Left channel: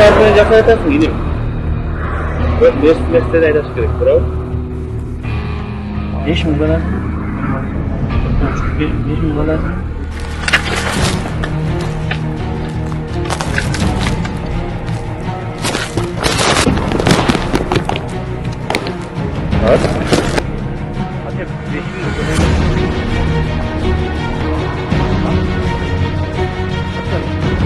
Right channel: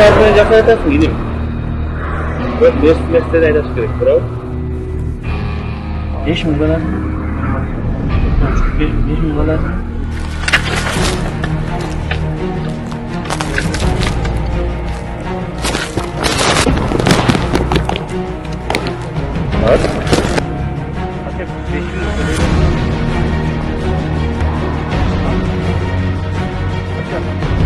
marca già fai fine. Mestre dai da scrivere, però. 10 mi guarda. 10 mi guarda. আচ্ছা বেশি চলে গেল। আচ্ছা